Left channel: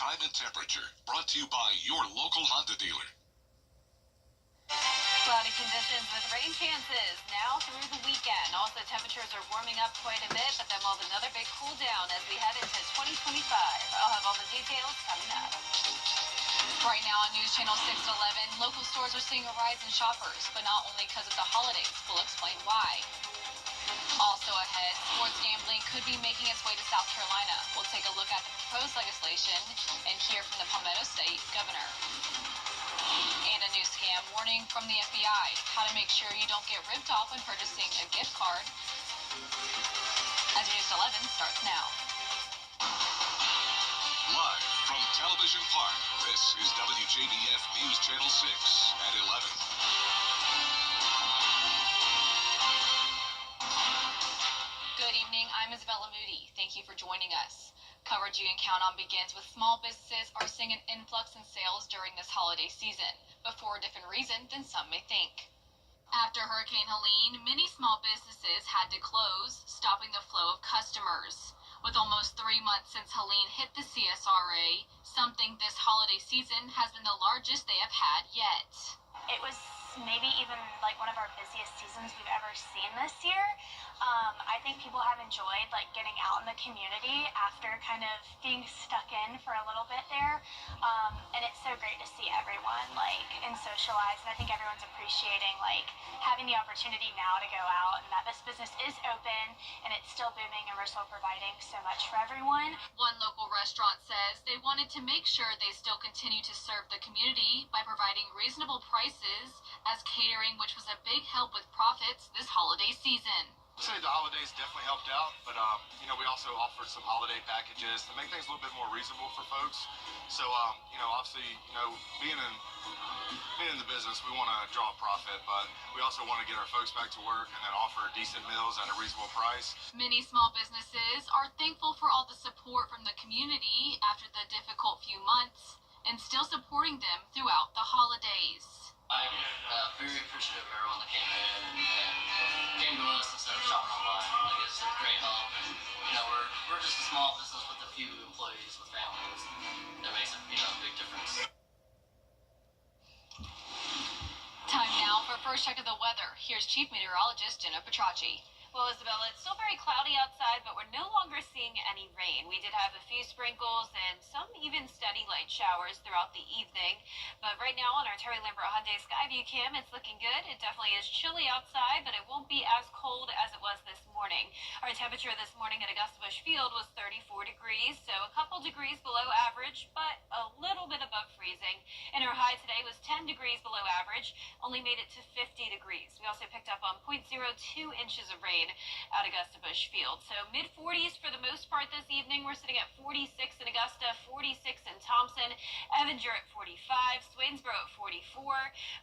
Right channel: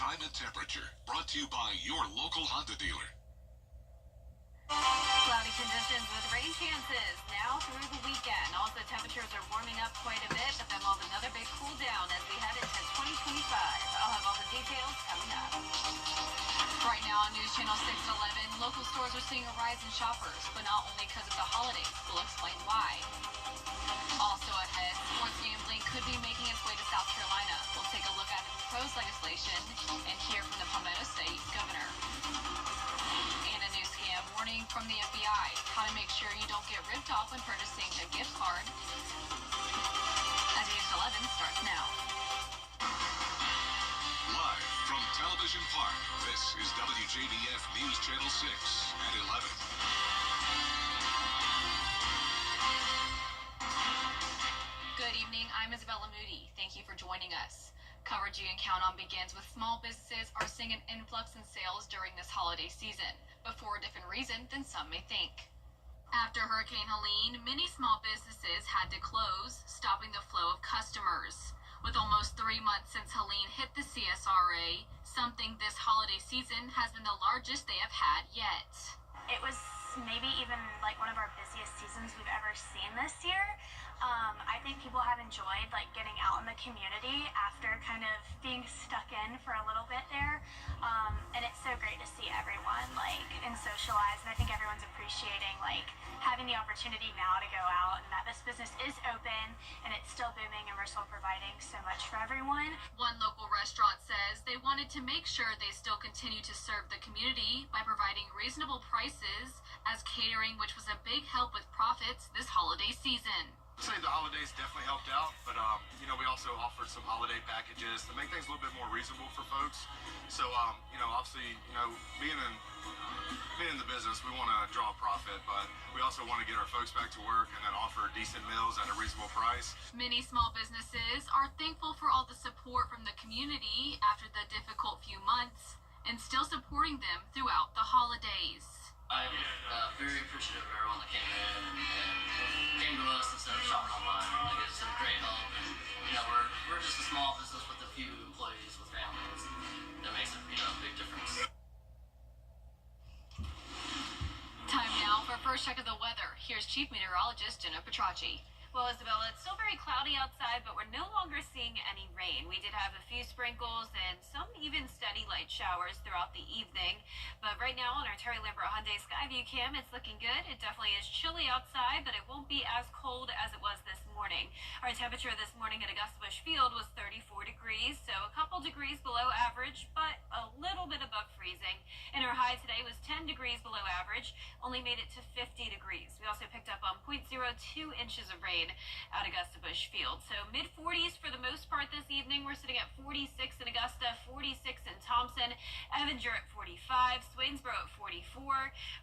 time and temperature. Brought to you by your local Honda dealer. Cloudy conditions with rain chances now through the weekend. Also, temperatures are warming up quite a bit, but then we'll have another big cool down as we head into 2025. I'll have all the details coming up. Right now on News Channel 611, local stores are seeing a rise in shoppers, but not only because of the holidays. We'll explain why. Also ahead, sports gambling could be making its way to South Carolina. We'll take a look at the proposed legislation and hear from the Palmetto State governor. And a new scam warning from the FBI. How to make sure you don't get ripped off when purchasing a gift card. As News 11 starts now. Live from Television Park, this is WJBF News Channel 6 at 11. Good evening, I'm Isabella Moody. Thank you for joining us. Coverage you can count on begins with small businesses are seeing an influx in sales during this holiday season, but for a different reason than some may think. After Hurricane Helene, many small businesses had to close, stopping the flow of customers. With almost 3 months since Helene hit the CSRA, something this holiday season has been the largest they have had yet. It was maybe even like one of our busiest seasons we've ever seen this year. I think people have enjoyed getting out in the community after kind of being stuck in for a little bit there. And it's so great to see everyone and socialize. And I think everyone's appreciating having the opportunity now to go out and that this business is open and it's still booming and we're still providing so much for everyone. One local restaurant says they wanted to make sure they still continue to serve the community by providing reasonable prices as catering, which was a big help with profits this holiday season. I'd say the holidays definitely helped out, but we also offered some holiday packages to make things a little bit more reasonable for folks. So obviously, being in the business, we want to draw a profit, but we also want to get our folks back to work and then offer decent meals at a reasonable price. Many small businesses are thankful for all the support from the community after the difficult few months and still supporting them throughout the holidays. I'm very appreciative of everyone that came in and came to us instead of shopping online. It's a great help. And, we're just a small business with a few employees with families. That makes a big difference. Time now for a first check of the weather. Here's Chief Meteorologist Jenna Petracci. Well, Isabella, it's still very cloudy outside, but we're no longer seeing any rain. We did have a few sprinkles and some even steady light showers throughout the evening. But right now on our Terry Lambert Hyundai Skyview cam, it's looking good. It definitely is chilly outside, but it won't be as cold as it was this morning. Our temperature this morning at Augusta Busch Field was 34 degrees, so a couple degrees below average, but a little bit above freezing. And our high today was 10 degrees below average, only made it to 50 degrees. We also picked up on 0.02 inches of rain at Augusta Busch Field. So mid-40s for the most part this evening. We're sitting at 46 in Augusta, 46 in Thompson. Evans, you're at 45. Swainsboro at 44.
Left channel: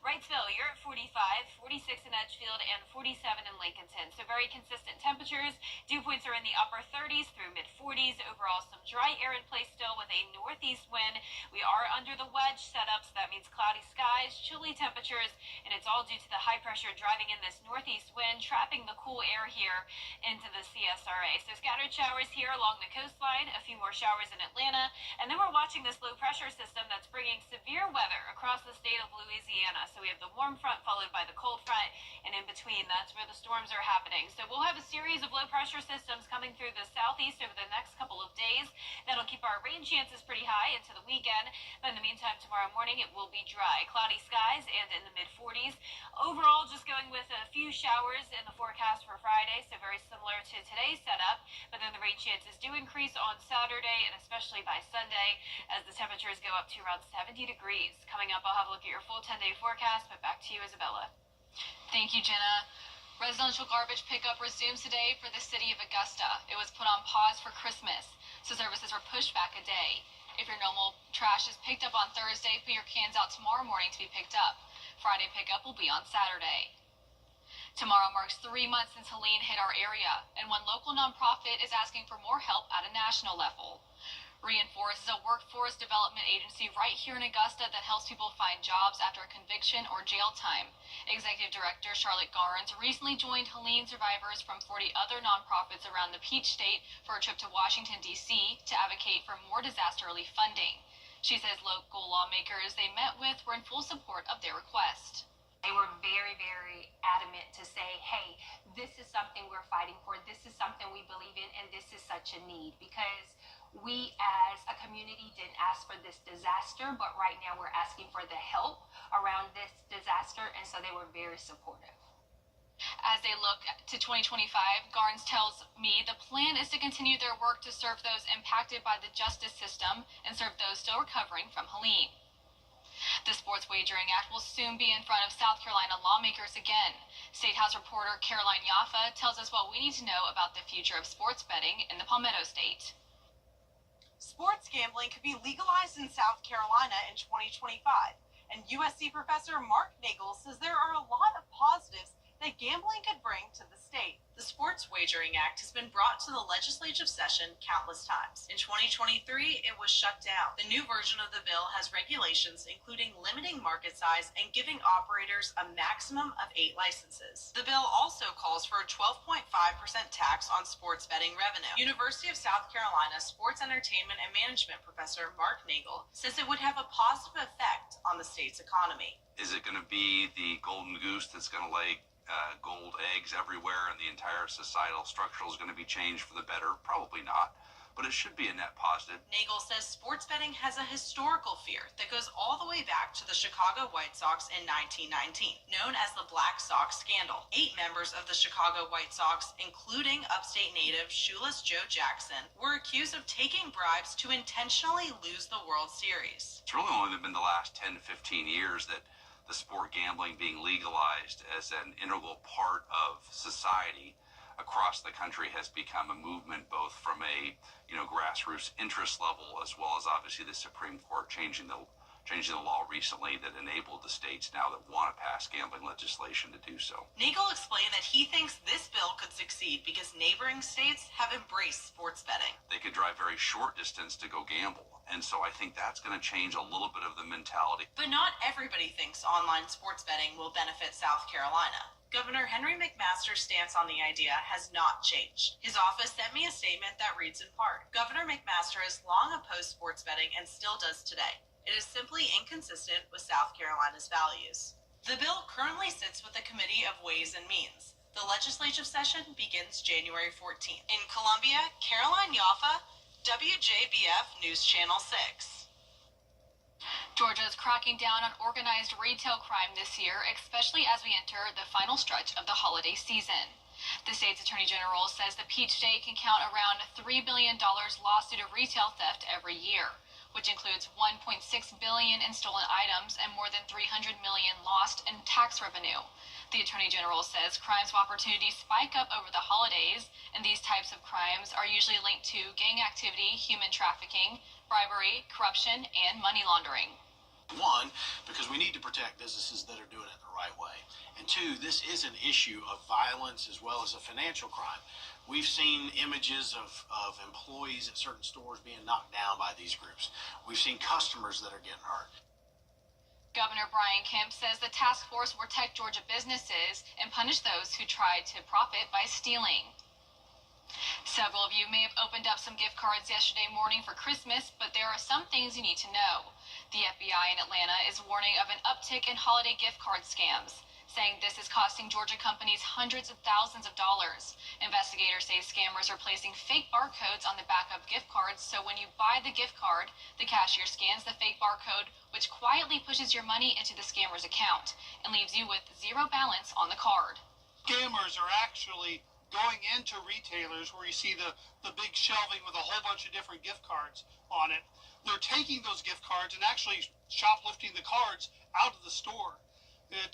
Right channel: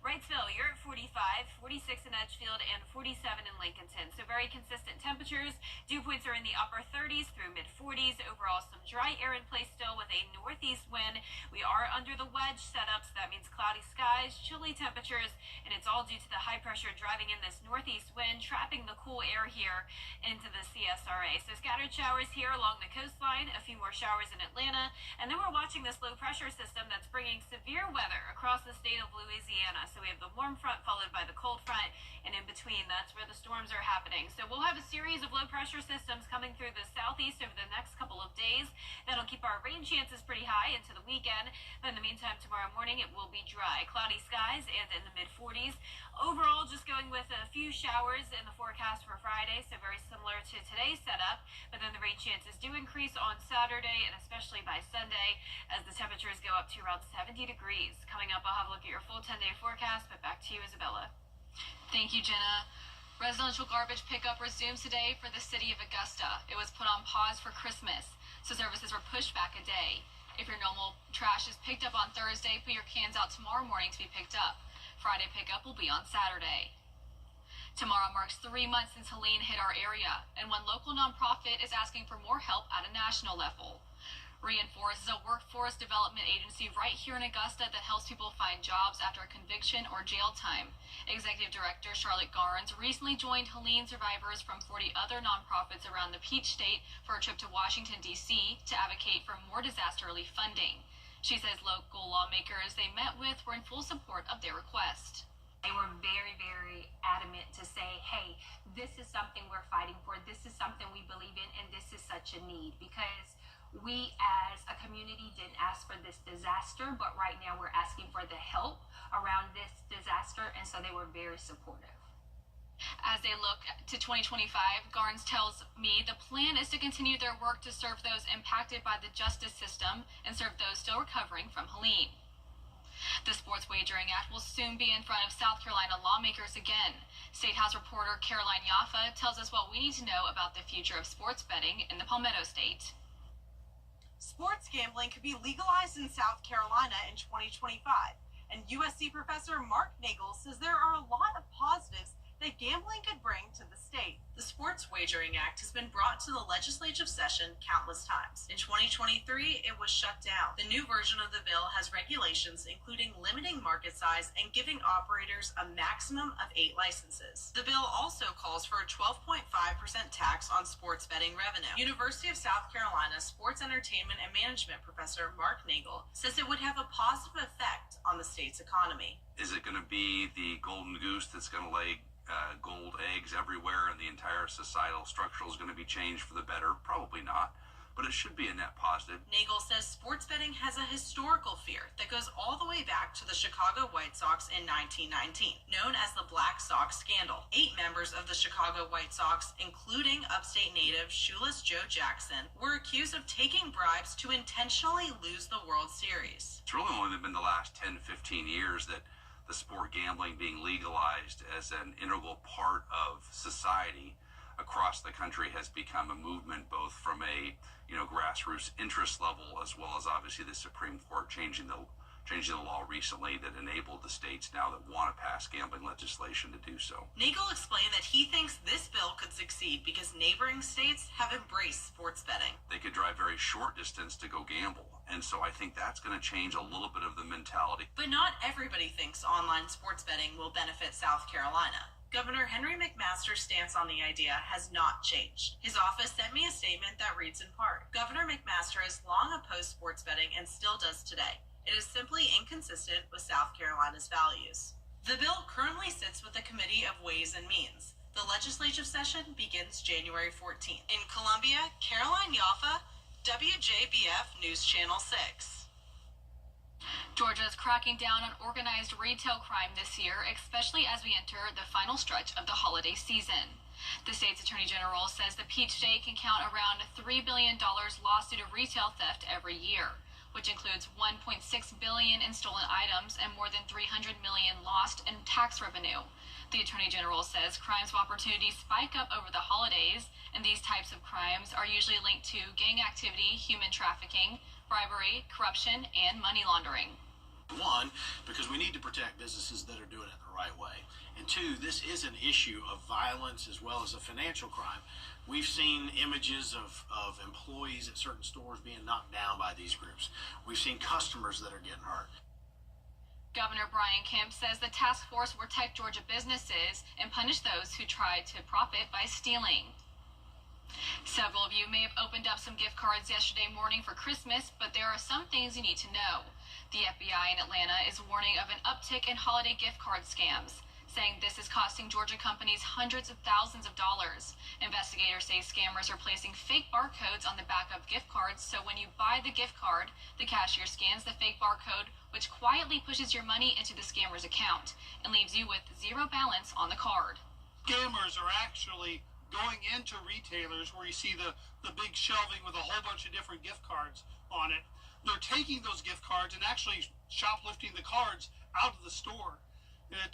Wrightsville, you're at 45. 46 in Edgefield and 47 in Lincolnton. So very consistent temperatures. Dew points are in the upper 30s through mid-40s. Overall, some dry air in place still with a northeast wind. We are under the wedge setup, so that means cloudy skies, chilly temperatures, and it's all due to the high pressure driving in this northeast wind, trapping the cool air here into the CSRA. So scattered showers here along the coastline, a few more showers in Atlanta, and then we're watching this low pressure system that's bringing severe weather across the state of Louisiana. So we have the warm front followed by the cold front, and in between, that's where the storms are happening. So we'll have a series of low pressure systems coming through the southeast over the next couple of days. That'll keep our rain chances pretty high into the weekend. But in the meantime, tomorrow morning, it will be dry, cloudy skies, and in the mid-40s. Overall, just going with a few showers in the forecast for Friday, so very similar to today's setup, but then the rain chances do increase on Saturday and especially by Sunday as the temperatures go up to around 70 degrees. Coming up, I'll have a look at your full 10-day forecast, but back to you, Isabella. Thank you, Jenna. Residential garbage pickup resumes today for the city of Augusta. It was put on pause for Christmas, so services were pushed back a day. If your normal trash is picked up on Thursday, put your cans out tomorrow morning to be picked up. Friday pickup will be on Saturday. Tomorrow marks 3 months since Helene hit our area, and one local nonprofit is asking for more help at a national level. Reinforce is a workforce development agency right here in Augusta that helps people find jobs after a conviction or jail time. Executive Director Charlotte Garnes recently joined Helene survivors from 40 other nonprofits around the Peach State for a trip to Washington, D.C. to advocate for more disaster relief funding. She says local lawmakers they met with were in full support of their request. They were very, very adamant to say, hey, this is something we're fighting for, this is something we believe in, and this is such a need, because we as a community didn't ask for this disaster, but right now we're asking for the help around this disaster, and so they were very supportive. As they look to 2025, Garnes tells me the plan is to continue their work to serve those impacted by the justice system and serve those still recovering from Helene. The Sports Wagering Act will soon be in front of South Carolina lawmakers again. State House reporter Caroline Yaffa tells us what we need to know about the future of sports betting in the Palmetto State. Sports gambling could be legalized in South Carolina in 2025, and USC professor Mark Nagel says there are a lot of positives that gambling could bring to the state. The Sports Wagering Act has been brought to the legislative session countless times. In 2023, it was shut down. The new version of the bill has regulations including limiting market size and giving operators a maximum of 8 licenses. The bill also calls for a 12.5% tax on sports betting revenue. University of South Carolina sports entertainment and management professor Mark Nagel says it would have a positive effect on the state's economy. Is it going to be the golden goose that's going to lay gold eggs everywhere and the entire societal structure is going to be changed for the better? Probably not, but it should be a net positive. Nagel says sports betting has a historical fear that goes all the way back to the Chicago White Sox in 1919, known as the Black Sox Scandal. 8 members of the Chicago White Sox, including upstate native shoeless Joe Jackson, were accused of taking bribes to intentionally lose the World Series. It's really only been the last 10 to 15 years that the sport gambling being legalized as an integral part of society across the country has become a movement, both from a grassroots interest level as well as obviously the Supreme Court changing the law recently that enabled the states now that want to pass gambling legislation to do so. Nagel explained that he thinks this bill could succeed because neighboring states have embraced sports betting. They could drive very short distance to go gamble. And so I think that's going to change a little bit of the mentality. But not everybody thinks online sports betting will benefit South Carolina. Governor Henry McMaster's stance on the idea has not changed. His office sent me a statement that reads in part, Governor McMaster has long opposed sports betting and still does today. It is simply inconsistent with South Carolina's values. The bill currently sits with the Committee of Ways and Means. The legislative session begins January 14th. In Columbia, Caroline Yaffa, WJBF News Channel 6. Georgia is cracking down on organized retail crime this year, especially as we enter the final stretch of the holiday season. The state's attorney general says the Peach State can count around $3 billion lost due to retail theft every year, which includes $1.6 billion in stolen items and more than $300 million lost in tax revenue. The Attorney General says crimes of opportunity spike up over the holidays, and these types of crimes are usually linked to gang activity, human trafficking, bribery, corruption, and money laundering. 1, because we need to protect businesses that are doing it the right way. And 2, this is an issue of violence as well as a financial crime. We've seen images of employees at certain stores being knocked down by these groups. We've seen customers that are getting hurt. Governor Brian Kemp says the task force will protect Georgia businesses and punish those who try to profit by stealing. Several of you may have opened up some gift cards yesterday morning for Christmas, but there are some things you need to know. The FBI in Atlanta is warning of an uptick in holiday gift card scams, saying this is costing Georgia companies hundreds of thousands of dollars. Investigators say scammers are placing fake barcodes on the back of gift cards, so when you buy the gift card, the cashier scans the fake barcode, which quietly pushes your money into the scammer's account and leaves you with zero balance on the card. Scammers are actually going into retailers where you see the big shelving with a whole bunch of different gift cards on it. They're taking those gift cards and actually shoplifting the cards out of the store,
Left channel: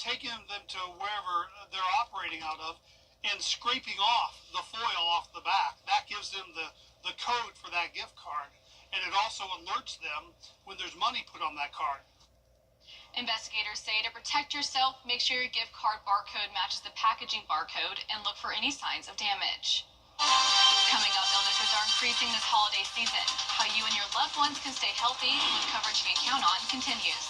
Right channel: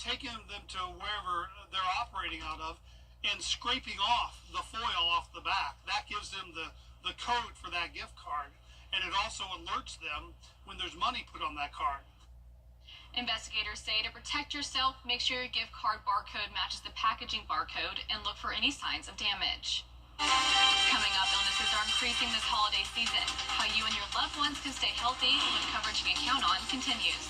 taking them to wherever they're operating out of and scraping off the foil off the back. That gives them the code for that gift card, and it also alerts them when there's money put on that card. Investigators say to protect yourself, make sure your gift card barcode matches the packaging barcode and look for any signs of damage. Coming up, illnesses are increasing this holiday season. How you and your loved ones can stay healthy when coverage you can count on continues.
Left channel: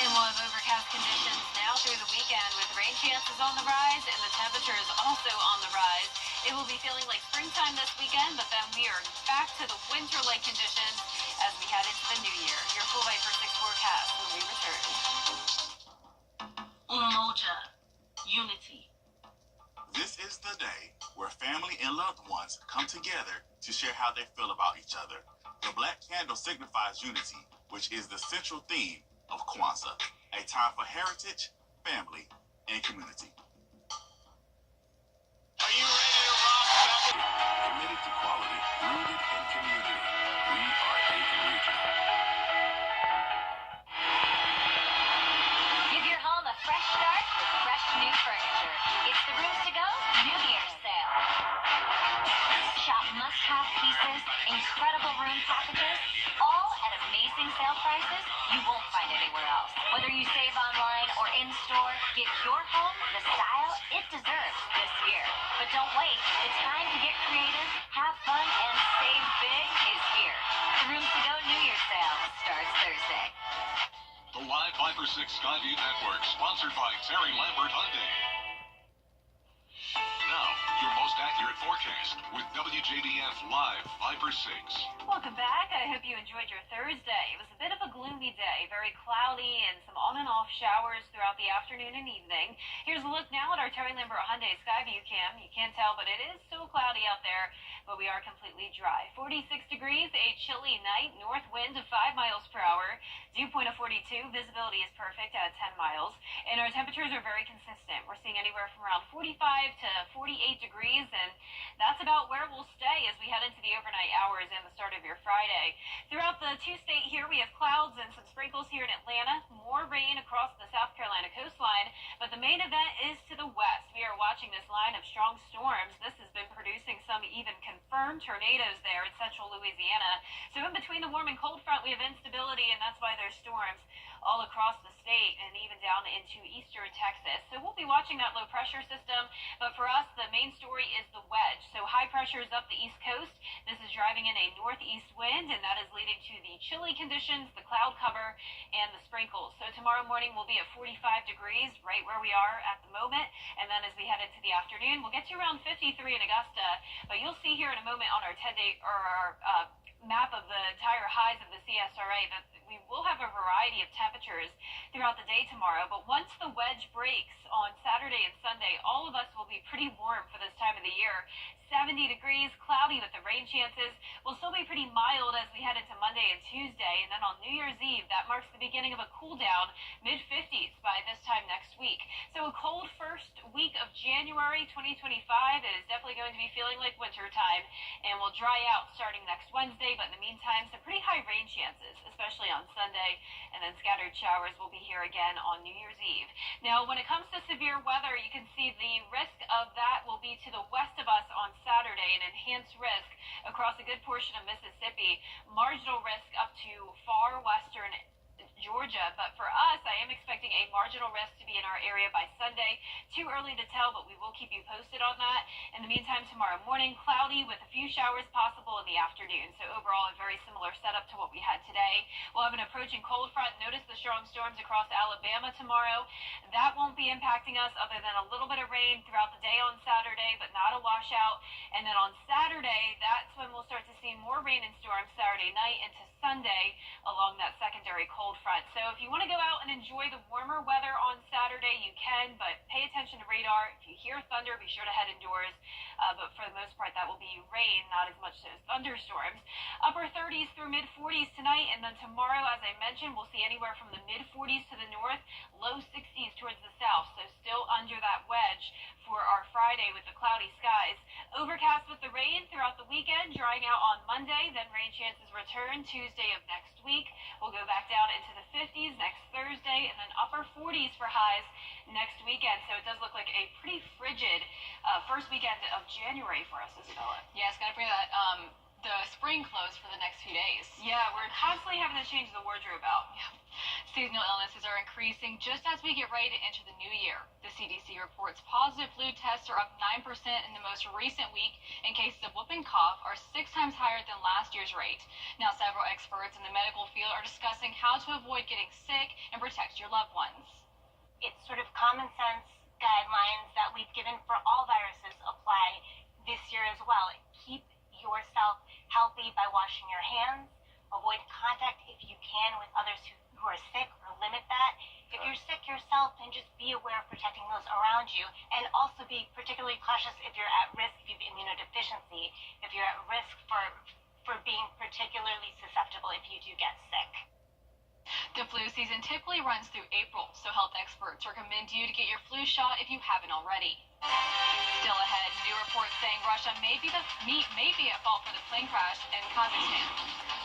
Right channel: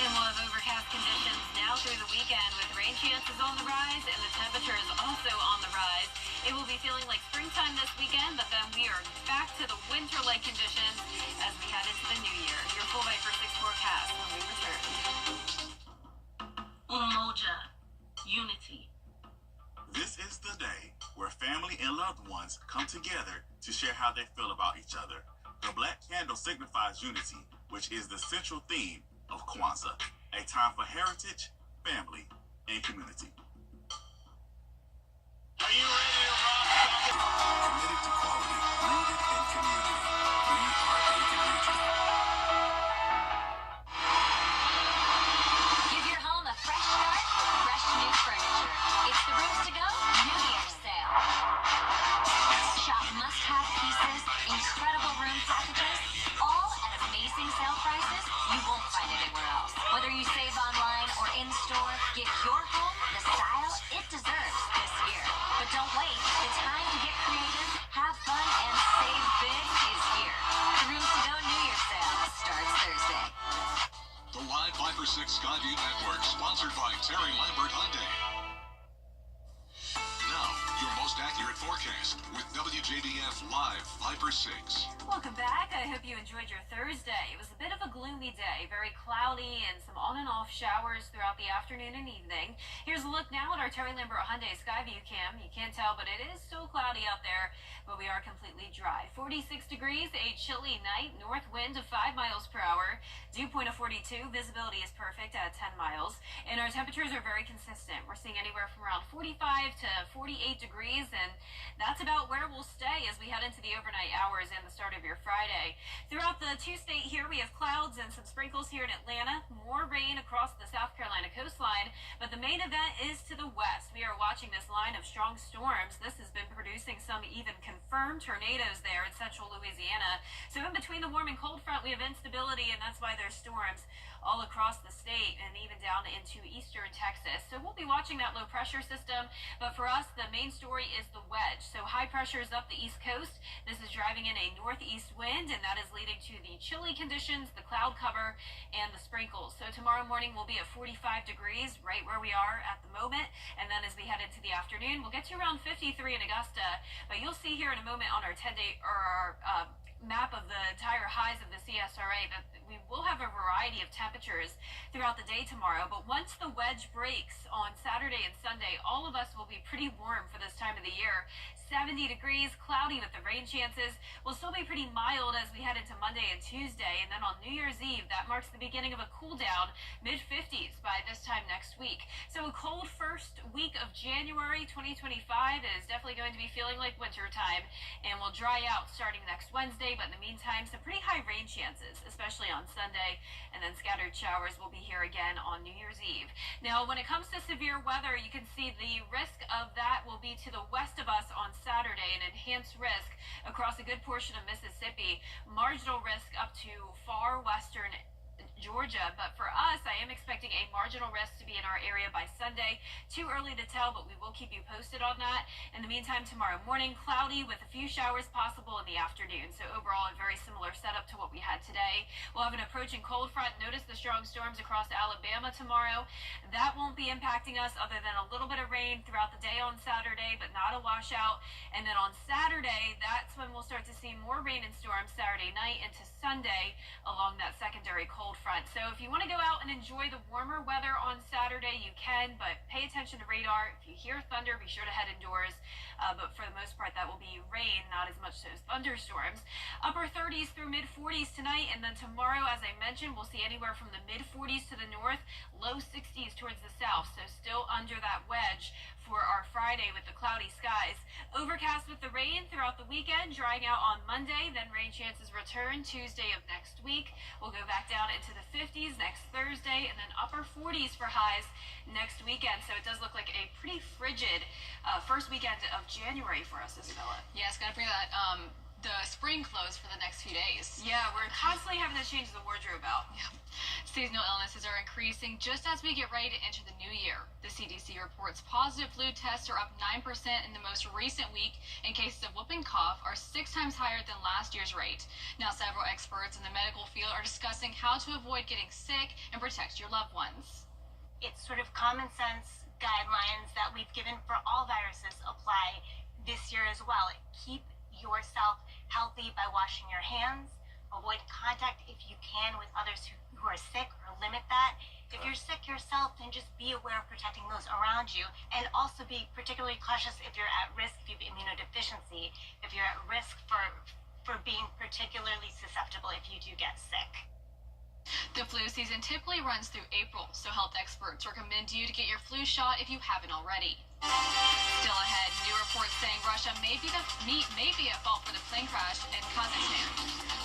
And we'll have overcast conditions now through the weekend with rain chances on the rise and the temperature is also on the rise. It will be feeling like springtime this weekend, but then we are back to the winter-like conditions as we head into the new year. Your full Viper 6 forecast when we return. Umoja, unity. This is the day where family and loved ones come together to share how they feel about each other. The black candle signifies unity, which is the central theme of Kwanzaa, a time for heritage, family, and community. Are you ready to rock? Committed to quality, rooted in community. We are Aiken Regional. Give your home a fresh start with fresh new furniture. It's the Rooms to Go New Year's sale. Shop must-have pieces, incredible room packages, all at amazing sale prices you won't find anywhere else. Whether you save online or in-store, give your home the style it deserves this year. But don't wait. The time to get creative, have fun, and save big is here. The Rooms to Go New Year's sale starts Thursday. The live Viper 6 Skyview Network, sponsored by Terry Lambert Hyundai. Now, your most accurate forecast with WJBF Live Viper 6. Welcome back. I hope you enjoyed your Thursday. It was a bit of a gloomy day, very cloudy and some on and off showers throughout the afternoon and evening. Here's a look now at our Terry Lambert Hyundai Skyview cam. You can't tell, but it is so cloudy out there, but we are completely dry. 46 degrees, a chilly night, north wind of 5 miles per hour, dew point of 42, visibility is perfect at 10 miles, and our temperatures are very consistent. We're seeing anywhere from around 45 to 48 degrees, and that's about where we'll stay as we head into the overnight hours and the start of your Friday. Throughout the two-state here, we have clouds and some sprinkles here in Atlanta, more rain across the South Carolina coastline, but the main event is to the west. We are watching this line of strong storms. This has been producing some even confirmed tornadoes there in central Louisiana. So in between the warm and cold front, we have instability, and that's why there's storms all across the state and even down into eastern Texas. So we'll be watching that low pressure system, but for us, the main story is the wedge. So high pressure is up the east coast. This is driving in a northeast wind, and that is leading to the chilly conditions, the cloud cover, and the sprinkles. So tomorrow morning we'll be at 45 degrees, right where we are at the moment, and then as we head into the afternoon, we'll get to around 53 in Augusta, but you'll see here in a moment on our 10-day or our map of the entire highs of the CSRA that we will have a variety of temperatures throughout the day tomorrow, but once the wedge breaks on Saturday and Sunday, all of us will be pretty warm for this time of the year. 70 degrees, cloudy with the rain chances. Will still be pretty mild as we head into Monday and Tuesday, and then on New Year's Eve, that marks the beginning of a cool down, mid-50s by this time next week. So a cold first week of January 2025 is definitely going to be feeling like winter time, and will dry out starting next Wednesday, but in the meantime, some pretty high rain chances, especially on Sunday, and then scattered showers will be here again on New Year's Eve. Now, when it comes to severe weather, you can see the risk of that will be to the west of us on Saturday, an enhanced risk across a good portion of Mississippi, marginal risk up to far western Georgia, but for us, I am expecting a marginal risk to be in our area by Sunday. Too early to tell, but we will keep you posted on that. In the meantime, tomorrow morning, cloudy with a few showers possible in the afternoon. So overall, a very similar setup to what we had today. We'll have an approaching cold front. Notice the strong storms across Alabama tomorrow. That won't be impacting us other than a little bit of rain throughout the day on Saturday, but not a washout. And then on Saturday, that's when we'll start to see more rain and storms Saturday night into Sunday along that secondary cold front. So if you want to go out and enjoy the warmer weather on Saturday, you can, but pay attention to radar. If you hear thunder, be sure to head indoors. But for the most part, that will be rain, not as much as thunderstorms. Upper 30s through mid-40s tonight, and then tomorrow, as I mentioned, we'll see anywhere from the mid-40s to the north, low 60s towards the south, so still under that wedge for our Friday with the cloudy skies. Overcast with the rain throughout the weekend, drying out on Monday, then rain chances return Tuesday of next week. We'll go back down into the 50s next Thursday, and then upper 40s for highs next weekend. So it does look like a pretty frigid first weekend of January for us, Isabella. Yeah, it's going to bring that the spring clothes for the next few days. Yeah, we're constantly having to change the wardrobe out. Yeah. Seasonal illnesses are increasing just as we get ready to enter the new year. The CDC reports positive flu tests are up 9% in the most recent week, and cases of whooping cough are 6 times higher than last year's rate. Now, several experts in the medical field are discussing how to avoid getting sick and protect your loved ones. It's sort of common sense guidelines that we've given for all viruses apply this year as well. Keep yourself healthy by washing your hands. Avoid contact if you can with others who are sick, or limit that. If you're sick yourself, then just be aware of protecting those around you, and also be particularly cautious if you're at risk, if you have immunodeficiency, if you're at risk for being particularly susceptible if you do get sick. The flu season typically runs through April, so health experts recommend you to get your flu shot if you haven't already. Still ahead, new reports saying Russia may be at fault for the plane crash in Kazakhstan.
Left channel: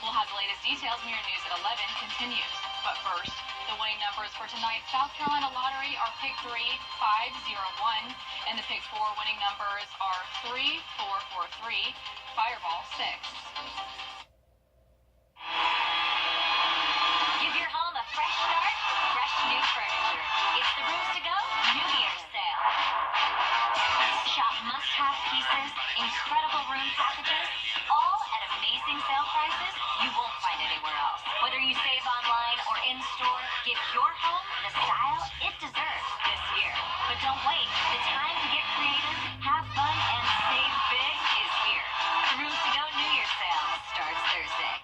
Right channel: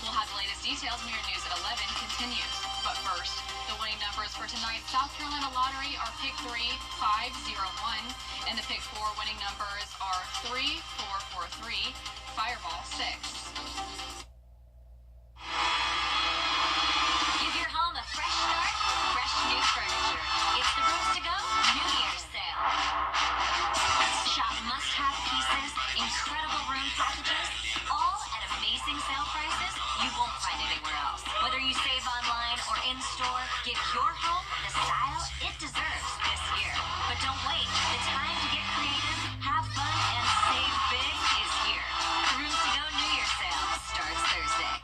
We'll have the latest details when your news at 11 continues. But first, the winning numbers for tonight's South Carolina lottery are Pick 3, 501, and the Pick 4 winning numbers are 3, 4, 4, 3, Fireball 6. Give your home a fresh start, fresh new furniture. It's the Rooms to Go New Year's sale. Shop must-have pieces, incredible room packages, all at amazing sale prices you won't find anywhere else. Whether you save online or in-store, give your home the style it deserves this year. But don't wait. The time to get creative, have fun, and save big is here. The Rooms to Go New Year's sale starts Thursday.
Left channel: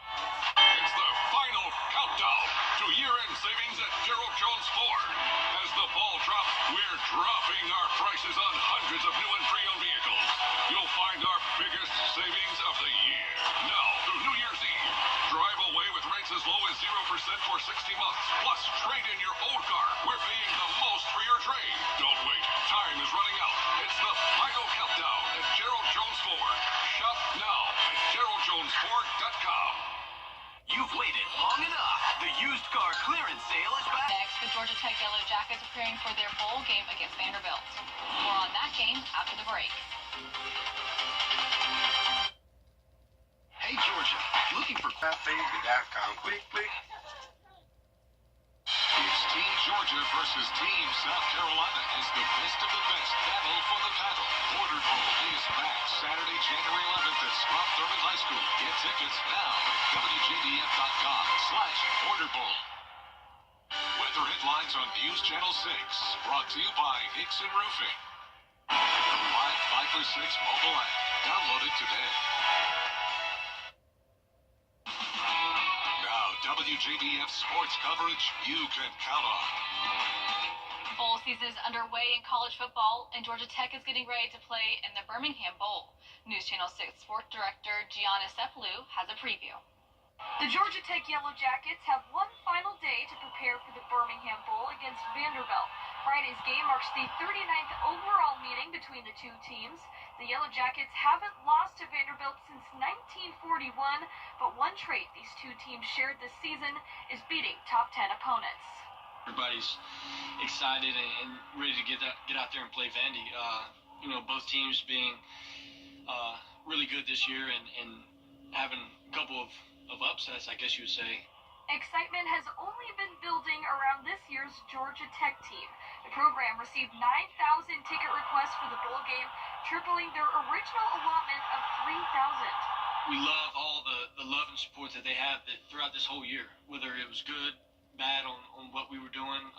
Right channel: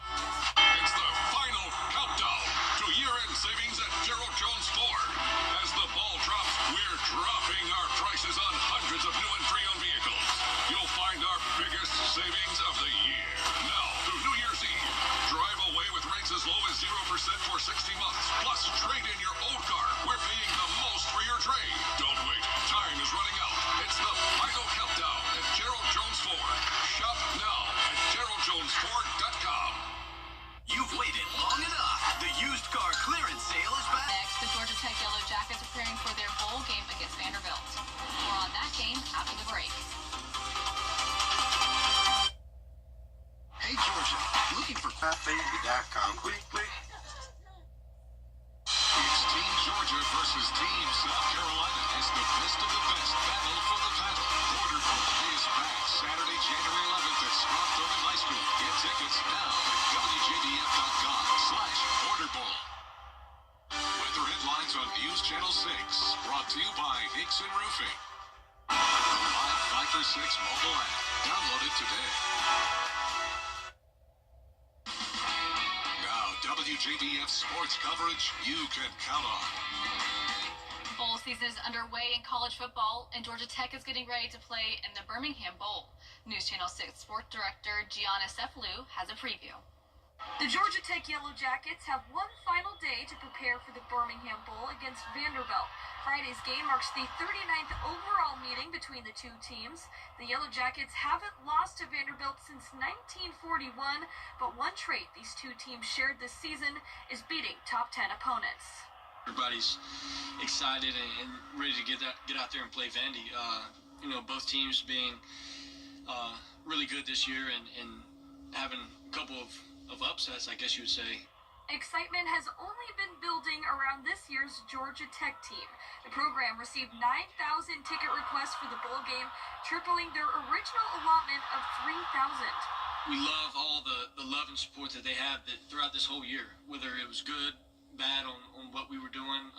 It's the final countdown to year-end savings at Gerald Jones Ford. As the ball drops, we're dropping our prices on hundreds of new and pre-owned vehicles. You'll find our biggest savings of the year. Now through New Year's Eve, drive away with rates as low as 0% for 60 months. Plus, trade in your old car. We're paying the most for your trade. Don't wait. Time is running out. It's the final countdown at Gerald Jones Ford. Shop now at GeraldJonesFord.com. You've waited long enough. The used car clearance sale is back. Next, the Georgia Tech Yellow Jackets are preparing for their bowl game against Vanderbilt. More on that game after the break. Hey, Georgia, looking for Baby.com. Click. It's Team Georgia versus Team South Carolina as the best of the best battle for the title. Order Bowl is back Saturday, January 11th at Scott Thurman High School. Get tickets now at WJBF.com/orderbowl. Weather headlines on News Channel 6, brought to you by Hickson Roofing. The live 5 for 6 mobile app. Download it today. Now, WJBF sports coverage you can count on. Bowl season is underway in college football, and Georgia Tech is getting ready to play in the Birmingham Bowl. News Channel 6 sports director Gianna Cephalou has a preview. The Georgia Tech Yellow Jackets have one final day to prepare for the Birmingham Bowl against Vanderbilt. Friday's game marks the 39th overall meeting between the two teams. The Yellow Jackets haven't lost to Vanderbilt since 1941, but one trait these two teams shared this season is beating top 10 opponents. Everybody's excited and ready to get out there and play Vandy. Both teams being really good this year and having a couple of upsets, I guess you would say. Excitement has only been building around this year's Georgia Tech team. The program received 9,000 ticket requests for the bowl game, tripling their original allotment of 3,000. We love all the love and support that they have throughout this whole year, whether it was good, bad on what we were doing,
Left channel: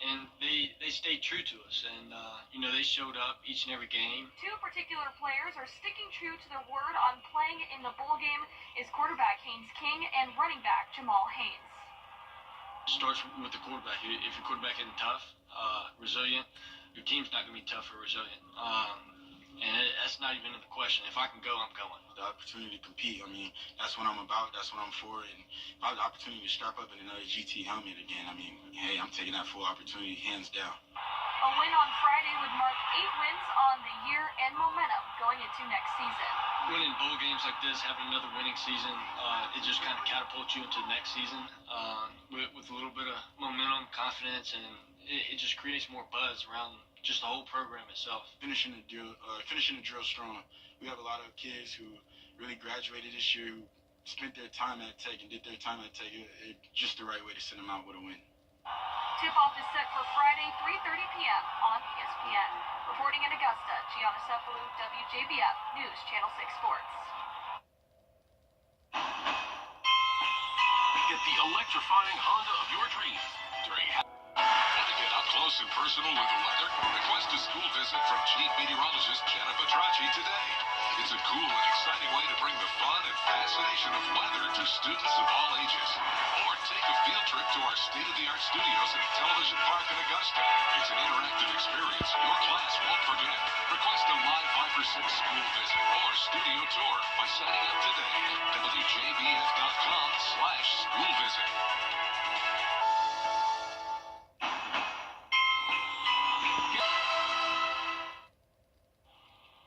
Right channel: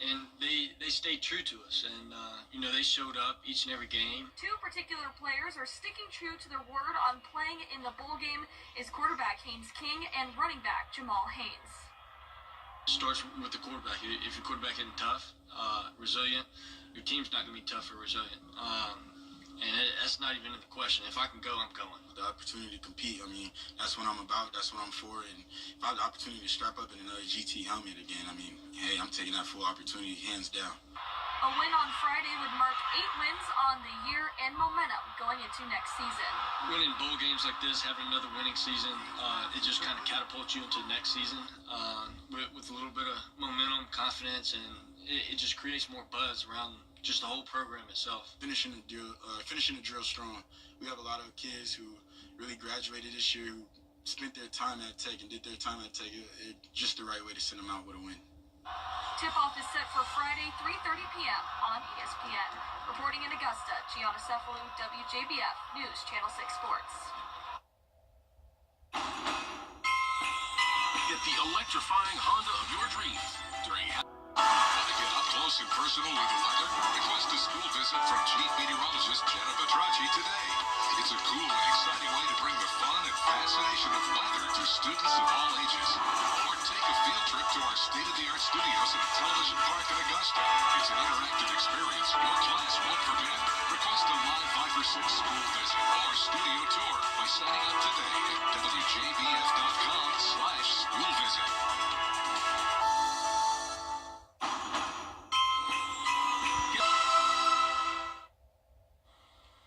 and they stayed true to us, and they showed up each and every game. Two particular players are sticking true to their word on playing in the bowl game is quarterback Haynes King and running back Jamal Haynes. It starts with the quarterback. If your quarterback isn't tough, resilient, your team's not going to be tough or resilient, and that's not even in the question. If I can go, I'm going. The opportunity to compete, that's what I'm about, that's what I'm for, and if I have the opportunity to strap up in another GT helmet again, hey, I'm taking that full opportunity hands down. A win on Friday would mark 8 wins on the year and momentum going into next season. Winning bowl games like this, having another winning season, it just kind of catapults you into the next season with a little bit of momentum, confidence, and it just creates more buzz around just the whole program itself. Finishing the drill strong. We have a lot of kids who really graduated this year, who spent their time at Tech and did their time at Tech. Just the right way to send them out with a win. Tip-off is set for Friday, 3:30 p.m. on ESPN. Reporting in Augusta, Gianna Cephalou, WJBF News, Channel 6 Sports. Get the electrifying Honda of your dreams during. Want to get up close and personal with the weather? Request a school visit from Chief Meteorologist Jenna Petracci today. It's a cool and exciting way to bring the fun and fascination of weather to students of all ages. Or take a field trip to our state-of-the-art studios at Television Park in Augusta. It's an interactive experience your class won't forget. Request a live 5 for 6 school visit or studio tour by signing up today at WJBF.com/school visit.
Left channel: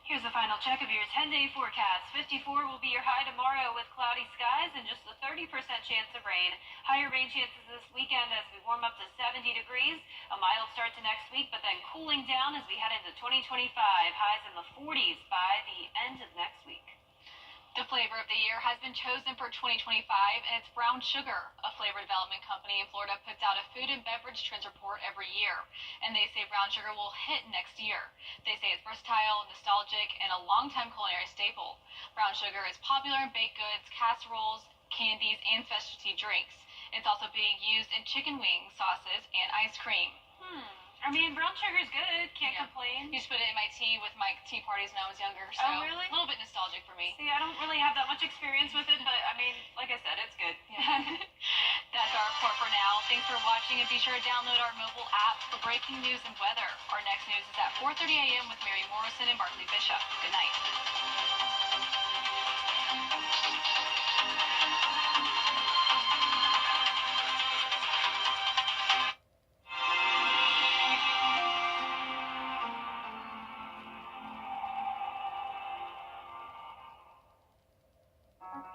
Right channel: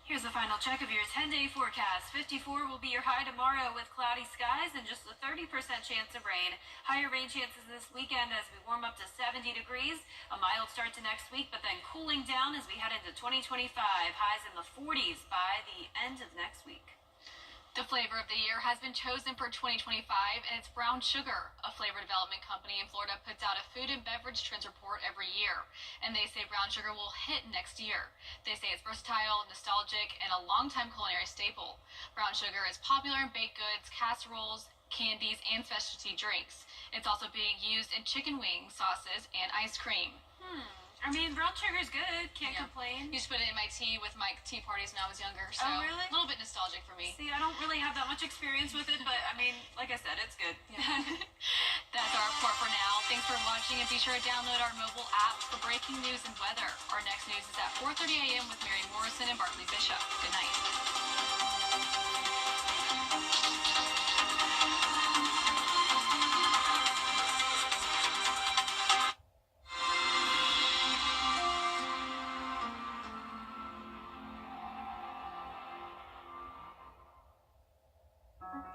Here's a final check of your 10-day forecast. 54 will be your high tomorrow with cloudy skies and just a 30% chance of rain. Higher rain chances this weekend as we warm up to 70 degrees. A mild start to next week, but then cooling down as we head into 2025. Highs in the 40s by the end of next week. The flavor of the year has been chosen for 2025, and it's brown sugar. A flavor development company in Florida puts out a food and beverage trends report every year, and they say brown sugar will hit next year. They say it's versatile, nostalgic, and a longtime culinary staple. Brown sugar is popular in baked goods, casseroles, candies, and specialty drinks. It's also being used in chicken wings, sauces, and ice cream. I mean, brown sugar's good. Can't complain. Used to put it in my tea with my tea parties when I was younger. So Oh, really? A little bit nostalgic for me. See, I don't really have that much experience with it, but I mean, like I said, it's good. That's our report for now. Thanks for watching, and be sure to download our mobile app for breaking news and weather. Our next news is at 4:30 a.m. with Mary Morrison and Bartley Bishop. Good night.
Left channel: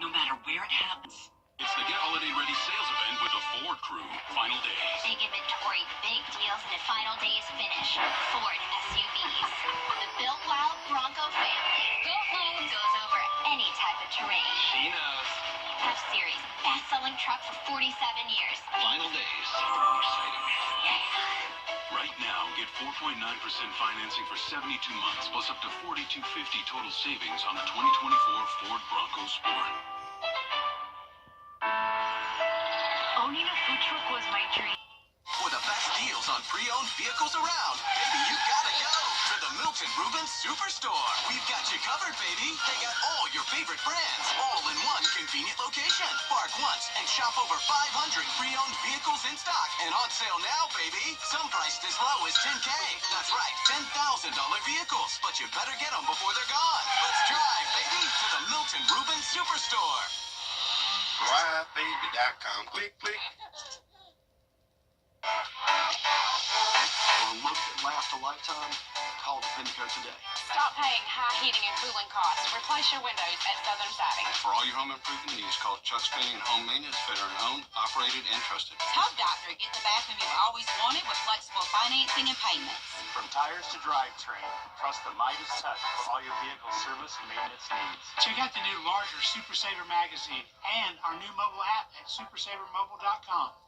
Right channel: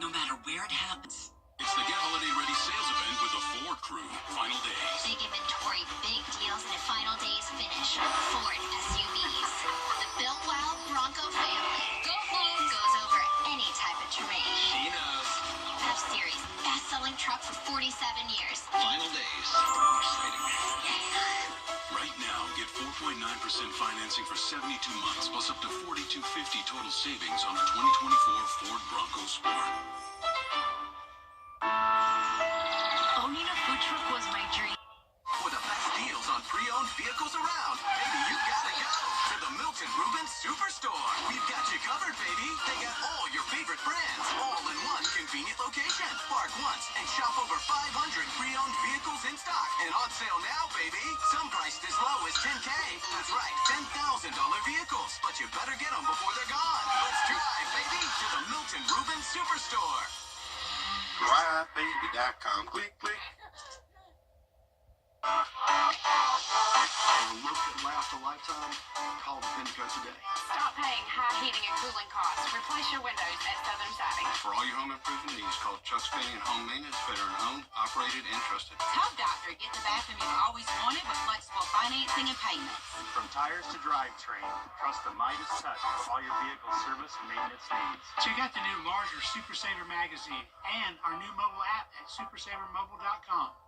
No matter where it happens. It's the Get Holiday Ready sales event with the Ford Crew. Final days. Big inventory, big deals, and at final days finish. Ford SUVs. The Built Wild Bronco family. Go home goes over any type of terrain. She knows. F-Series, best-selling truck for 47 years. Final days. Exciting. Right now, get 4.9% financing for 72 months, plus up to $4,250 total savings on the 2024 Ford Bronco Sport. Owning a food truck was my dream. For the best deals on pre-owned vehicles around, baby, you gotta go to the Milton Rubin Superstore. We've got you covered, baby. They got all your favorite brands, all in one convenient location. Park once and shop over 500 pre-owned vehicles in stock. And on sale now, baby. Some priced as low as $10K. That's right, $10,000 vehicles. But you better get them before they're gone. Let's drive, baby, to the Milton Rubin Superstore. DriveBaby.com. Click, click. For a look that lasts a lifetime, call Vindico today. Stop paying high heating and cooling costs. Replace your windows at Southern Siding. For all your home improvement needs, call Chuck's Painting and Home Maintenance, veteran-owned, operated, and trusted. Tub Doctor, get the bathroom you've always wanted with flexible financing and payments. From tires to drivetrain, trust the Midas Touch for all your vehicle service and maintenance needs. Check out the new larger Super Saver magazine and our new mobile app at supersavermobile.com.